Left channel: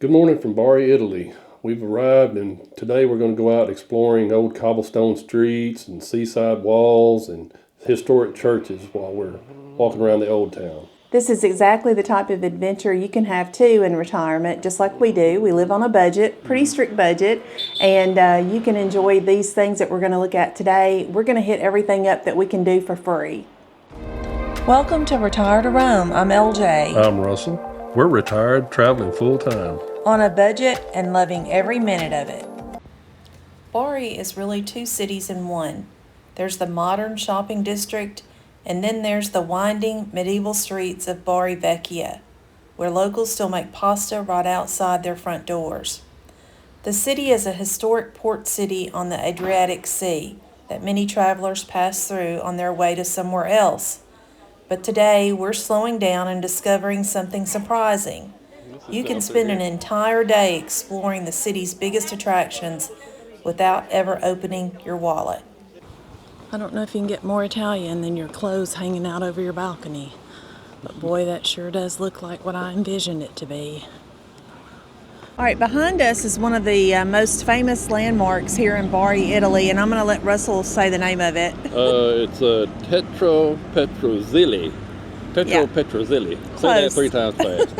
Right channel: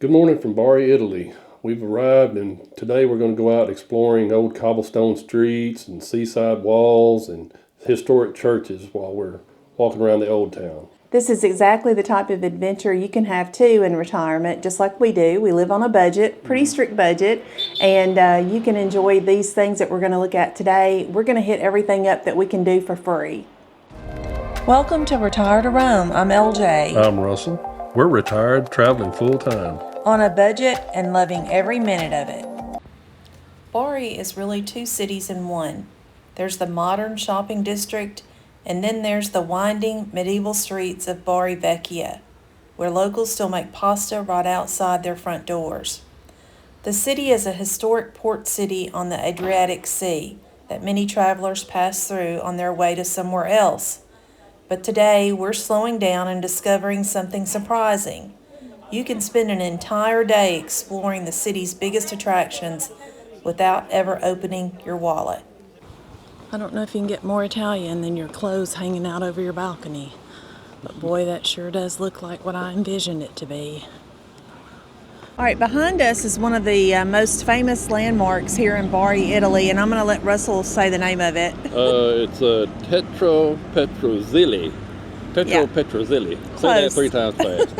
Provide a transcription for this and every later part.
Good morning from Bari, Italy. We've arrived and today we're going to go out exploring old cobblestone streets and seaside walls and historic churches while we're walking around the old town. This is exactly the type of adventure you can have too in retirement, just like we do. We live on a budget, pretty strict budget, and you can enjoy these things that we're going to look at today. We're going to hit everything up that we can do for free. Welcome to Retire to Rome. I'm LJ. I'm Russell. We're retired, traveling full time. On a budget and loving every minute of it. Bari is really two cities in one. There's the modern shopping district, and then there's the winding medieval streets of Bari Vecchia, where locals still make pasta right outside their front doors. The city is a historic port city on the Adriatic Sea that many travelers pass through on their way to somewhere else. But today we're slowing down and discovering something surprising. You can spend an entire day exploring the city's biggest attractions without ever opening your wallet. I don't know if you can get more Italian than your clothes hanging out over your balcony, but boy, that sure does look like what I envisioned it to be. All right, behind us is one of the most famous landmarks here in Bari, Italy, and I'm going to let Russell say the name of it. It's Tetro Petrozilli. Petrozilli. Say that 3 times fast.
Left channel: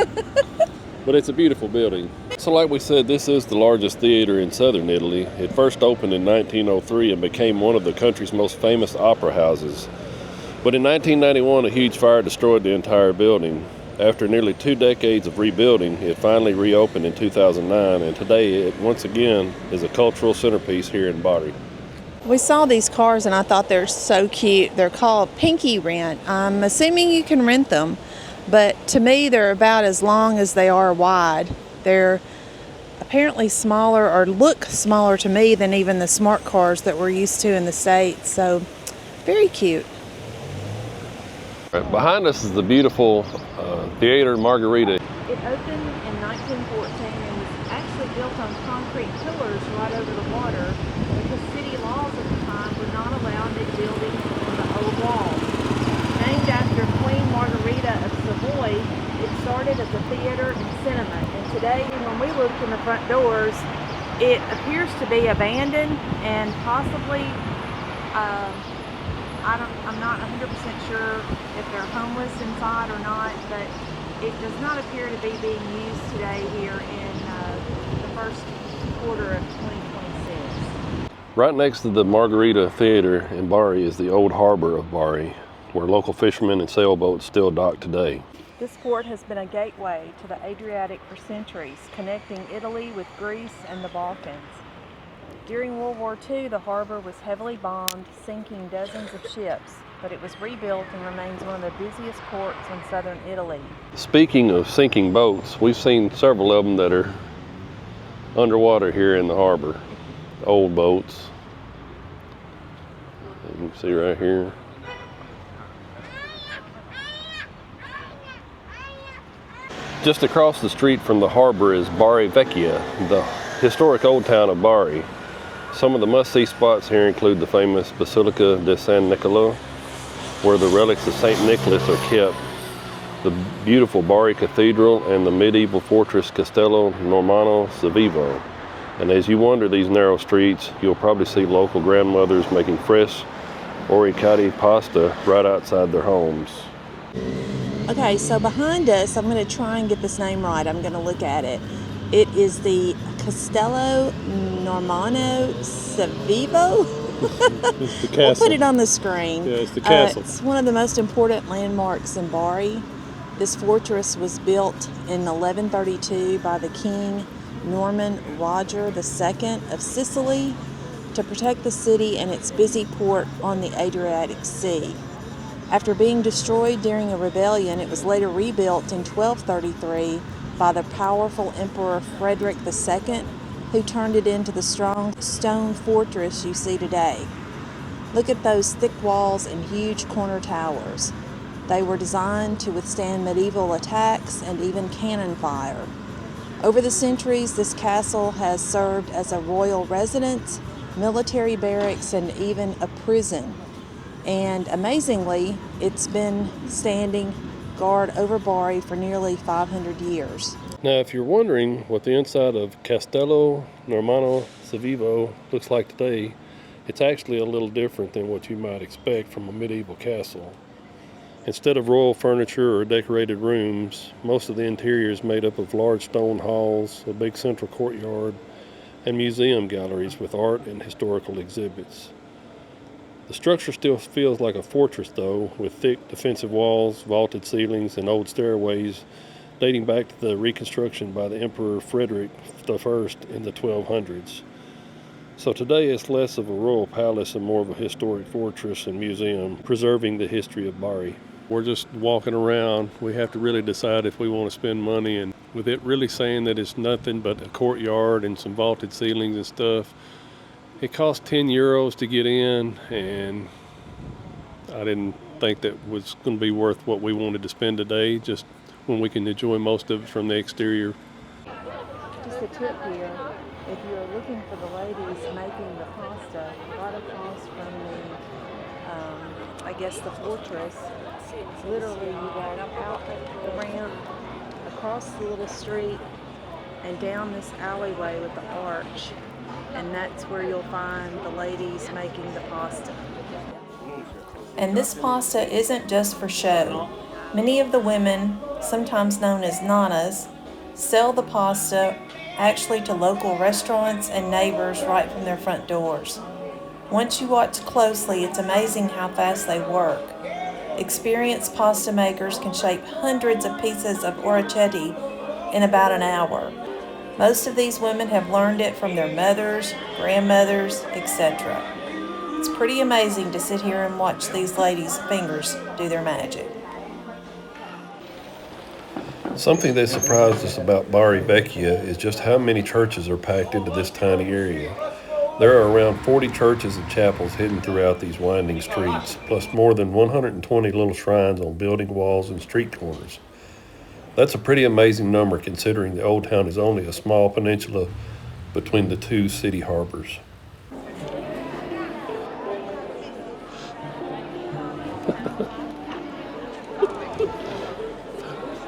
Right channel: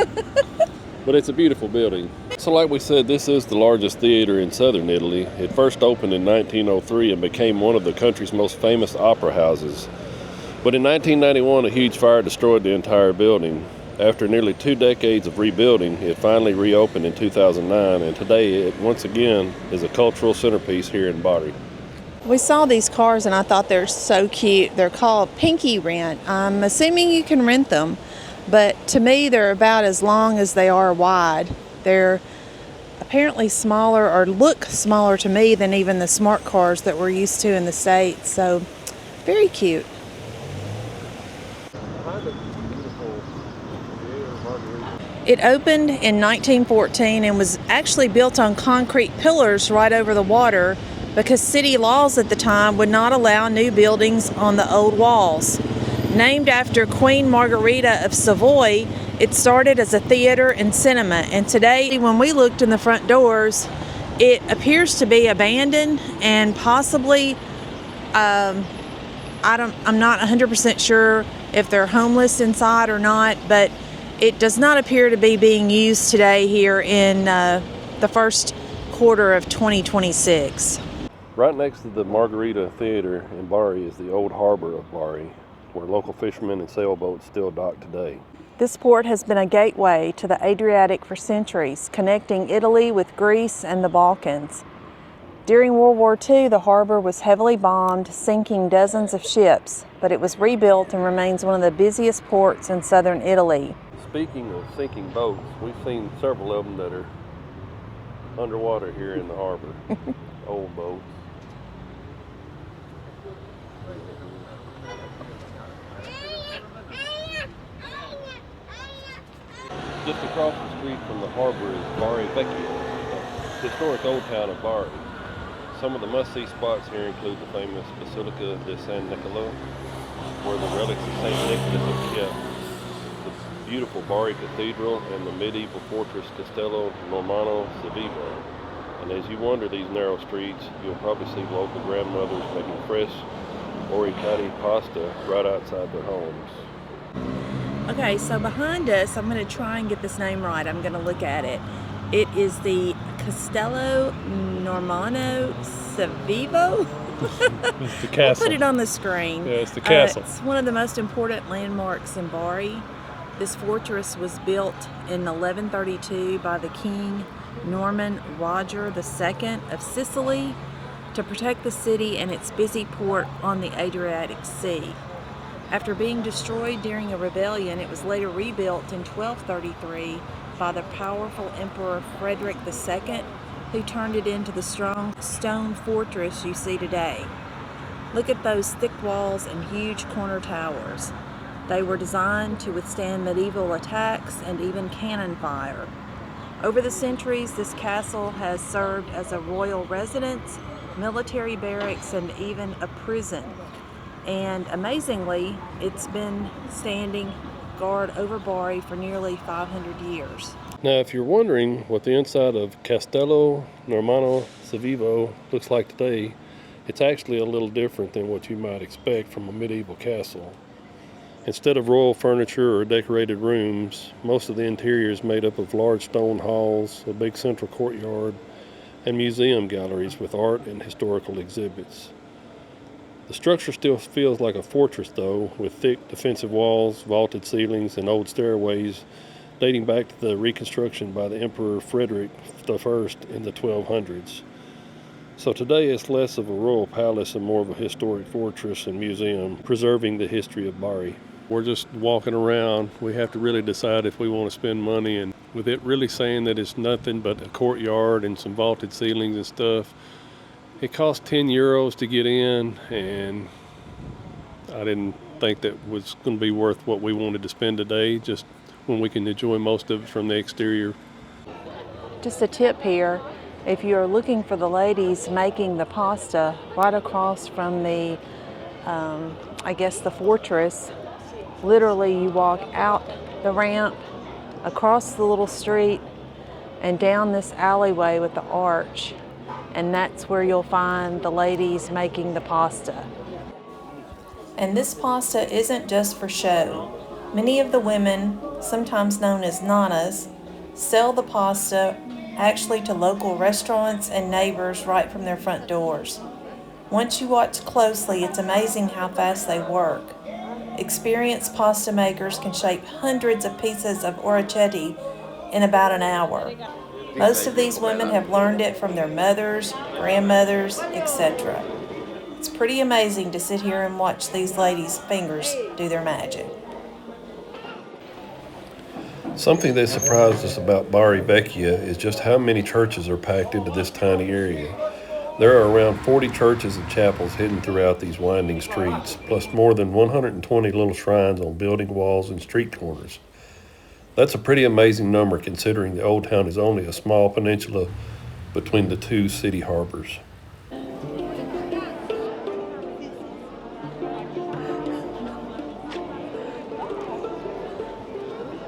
But it's a beautiful building. So like we said, this is the largest theater in southern Italy. It first opened in 1903 and became one of the country's most famous opera houses. But in 1991, a huge fire destroyed the entire building. After nearly 2 decades of rebuilding, it finally reopened in 2009, and today it once again is a cultural centerpiece here in Bari. We saw these cars and I thought they're so cute. They're called Pinky Rent. I'm assuming you can rent them, but to me they're about as long as they are wide. They're apparently smaller, or look smaller to me, than even the smart cars that we're used to in the States, so very cute. Right behind us is the beautiful Theater Margherita. It opened in 1914 and was actually built on concrete pillars right over the water because city laws at the time would not allow new buildings on the old walls. Named after Queen Margherita of Savoy, it started as a theater and cinema, and today when we looked in the front doors, it appears to be abandoned and possibly I'm not 100% sure if they're homeless inside or not, but it does not appear to be being used today here in the first quarter of 2026. Right next to the Margherita Theater in Bari is the old harbor of Bari, where local fishermen and sailboats still dock today. This port has been a gateway to the Adriatic for centuries, connecting Italy with Greece and the Balkans. During World War II, the harbor was heavily bombed, sinking dozens of ships, but it was rebuilt and remains one of the busiest ports in southern Italy. Speaking of sinking boats, we've seen several of them that are underwater here in the harbor. Old boats. You can see right here. Just across the street from the harbor is Bari Vecchia, the historic old town of Bari. Some of the must-see spots here include the famous Basilica di San Nicola, where the relics of St. Nicholas are kept, the beautiful Bari Cathedral, and the medieval fortress Castello Normanno-Svevo. And as you wander these narrow streets, you'll probably see local grandmothers making fresh oricati pasta right outside their homes. Okay, so behind us, I'm going to try and get this name right. I'm going to look at it. It is the Castello Normanno-Svevo. It's the castle. We'll put it on the screen. Yeah, it's the castle. It's one of the most important landmarks in Bari. This fortress was built in 1132 by the King Norman Roger II of Sicily to protect the city and its busy port on the Adriatic Sea. After being destroyed during a rebellion, it was later rebuilt in 1233 by the powerful Emperor Frederick II, who turned it into the strong stone fortress you see today. Look at those thick walls and huge corner towers. They were designed to withstand medieval attacks and even cannon fire. Over the centuries, this castle has served as a royal residence, military barracks, and even a prison. And amazingly, it's been standing guard over Bari for nearly 500 years. Now, if you're wondering what the inside of Castello Normanno-Svevo looks like today, it's actually a little different than what you might expect from a medieval castle. Instead of royal furniture or decorated rooms, most of the interior is made up of large stone halls, a big central courtyard, and museum galleries with art and historical exhibits. The structure still feels like a fortress though, with thick defensive walls, vaulted ceilings, and old stairways dating back to the reconstruction by the Emperor Frederick I in the 1200s. So today it's less of a royal palace and more of a historic fortress and museum, preserving the history of Bari. We're just walking around. We have to really decide if we want to spend money, and with it really saying that it's nothing but a courtyard and some vaulted ceilings and stuff, it cost 10 euros to get in, and I didn't think that was going to be worth what we wanted to spend today, just when we can enjoy most of it from the exterior. Just a tip here, if you're looking for the ladies making the pasta right across from the, the fortress, literally you walk out the ramp, across the little street, and down this alleyway with the arch, and that's where you'll find the ladies making the pasta. And this pasta isn't just for show. Many of the women, sometimes known as nanas, sell the pasta actually to local restaurants and neighbors right from their front doors. Once you watch closely, it's amazing how fast they work. Experienced pasta makers can shape hundreds of pieces of orecchiette in about an hour. Most of these women have learned it from their mothers, grandmothers, etc. It's pretty amazing to sit here and watch these ladies' fingers do their magic. Something that surprised us about Bari Vecchia is just how many churches are packed into this tiny area. There are around 40 churches and chapels hidden throughout these winding streets, plus more than 120 little shrines on building walls and street corners. That's a pretty amazing number considering the old town is only a small peninsula between the two city harbors.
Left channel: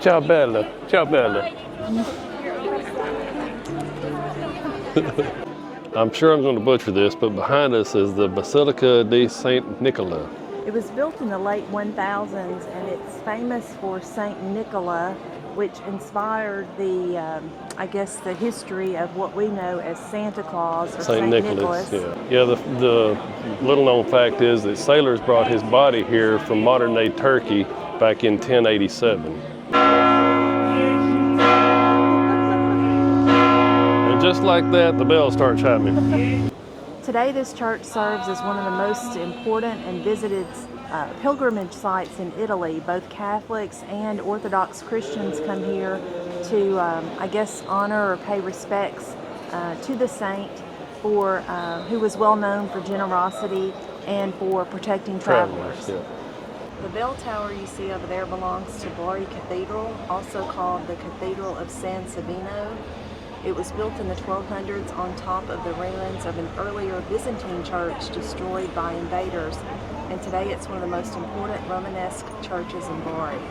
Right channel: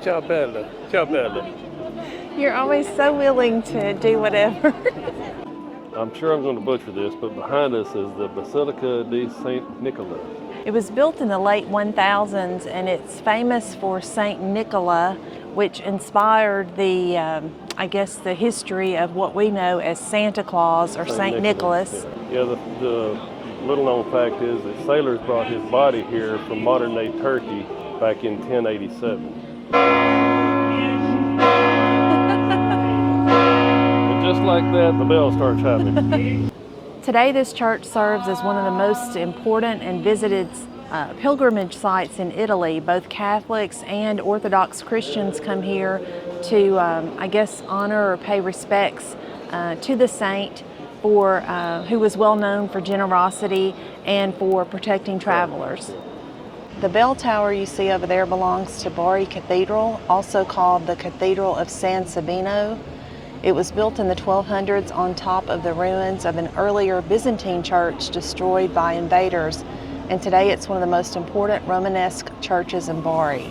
Ciao bella, ciao bella. You're always so willing to do whatever. I'm sure I'm going to butcher this, but behind us is the Basilica di San Nicola. It was built in the late 1000s, and it's famous for Saint Nicola, which inspired the, the history of what we know as Santa Claus or Saint Nicholas. Yeah, the little known fact is that sailors brought his body here from modern day Turkey back in 1087. And just like that, the bells start chiming. Today, this church serves as one of the most important and visited pilgrimage sites in Italy. Both Catholics and Orthodox Christians come here to, honor or pay respects to the saint for who was well known for generosity and for protecting travelers. The bell tower you see over there belongs to Bari Cathedral, also called the Cathedral of San Sabino. It was built in the 1200s on top of the ruins of an earlier Byzantine church destroyed by invaders, and today it's one of the most important Romanesque churches in Bari.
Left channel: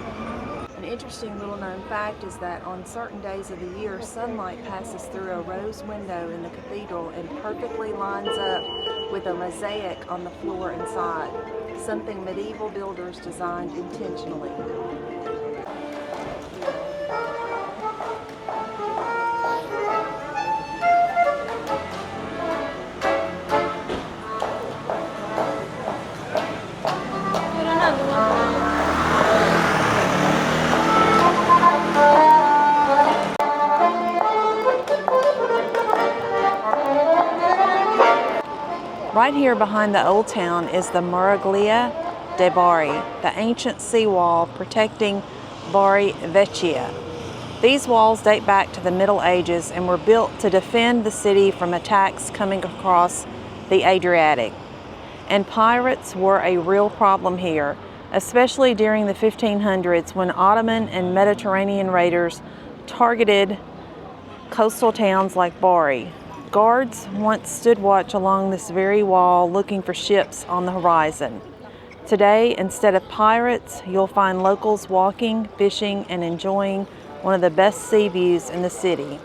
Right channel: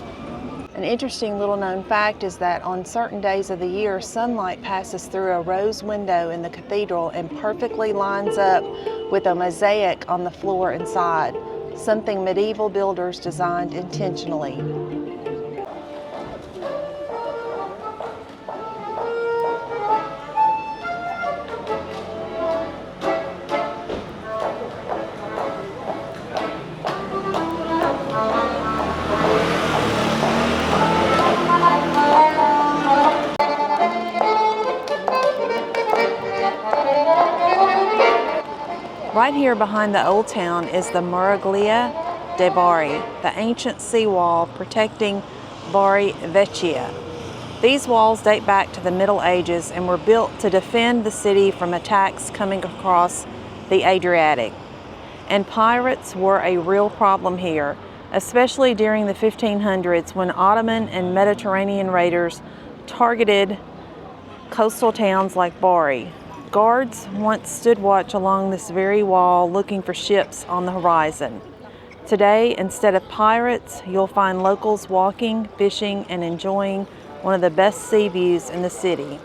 An interesting little known fact is that on certain days of the year, sunlight passes through a rose window in the cathedral and perfectly lines up with a mosaic on the floor inside, something medieval builders designed intentionally. Right here behind the old town is the Muraglia de Bari, the ancient seawall protecting Bari Vecchia. These walls date back to the Middle Ages and were built to defend the city from attacks coming across the Adriatic. And pirates were a real problem here, especially during the 1500s when Ottoman and Mediterranean raiders targeted coastal towns like Bari. Guards once stood watch along this very wall looking for ships on the horizon. Today, instead of pirates, you'll find locals walking, fishing, and enjoying one of the best sea views in the city.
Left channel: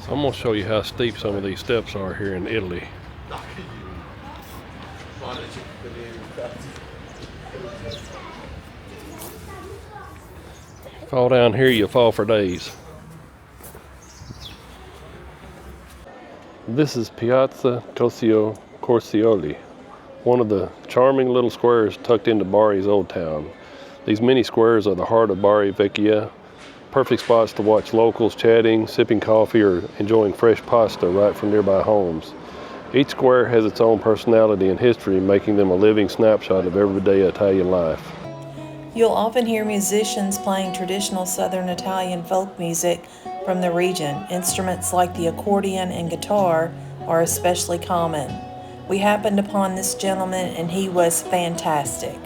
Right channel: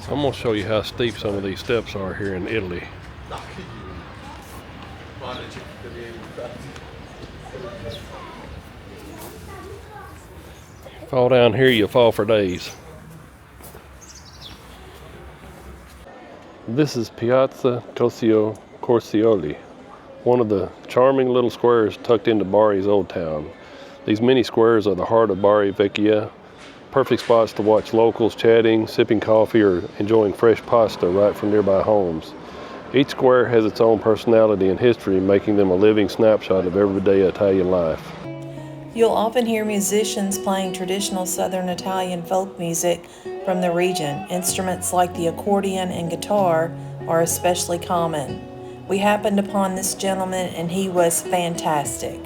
So I'm going to show you how steep some of these steps are here in Italy. Fall down here, you'll fall for days. This is Piazza Tossio Corsioli, one of the charming little squares tucked into Bari's old town. These mini squares are the heart of Bari Vecchia, perfect spots to watch locals chatting, sipping coffee, or enjoying fresh pasta right from nearby homes. Each square has its own personality and history, making them a living snapshot of everyday Italian life. You'll often hear musicians playing traditional Southern Italian folk music from the region. Instruments like the accordion and guitar are especially common. We happened upon this gentleman and he was fantastic.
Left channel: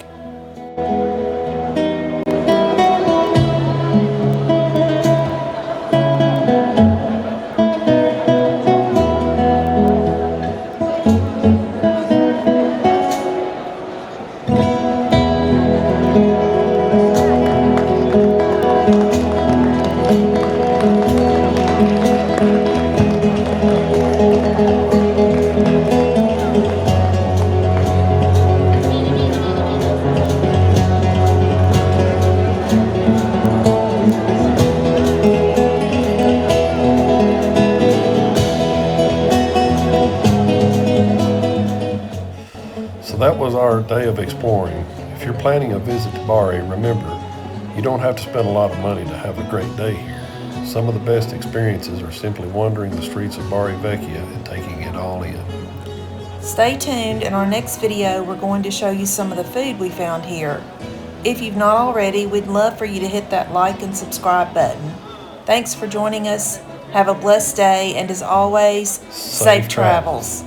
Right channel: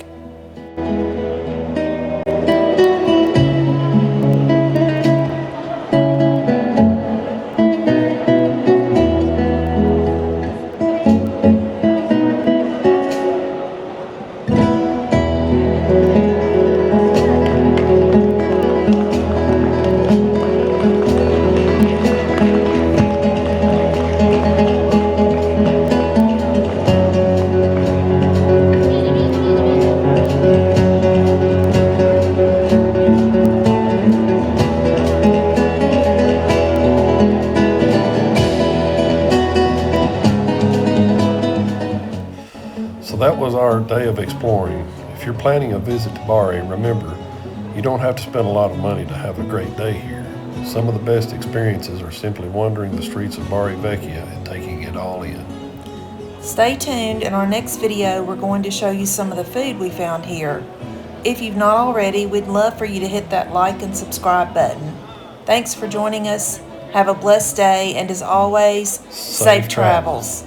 So that was our day of exploring. If you're planning a visit to Bari, remember, you don't have to spend a lot of money to have a great day here. Some of the best experiences are simply wandering the streets of Bari Vecchia and taking it all in. Stay tuned. In our next video, we're going to show you some of the food we found here. If you've not already, we'd love for you to hit that like and subscribe button. Thanks for joining us. Have a blessed day, and as always, safe travels.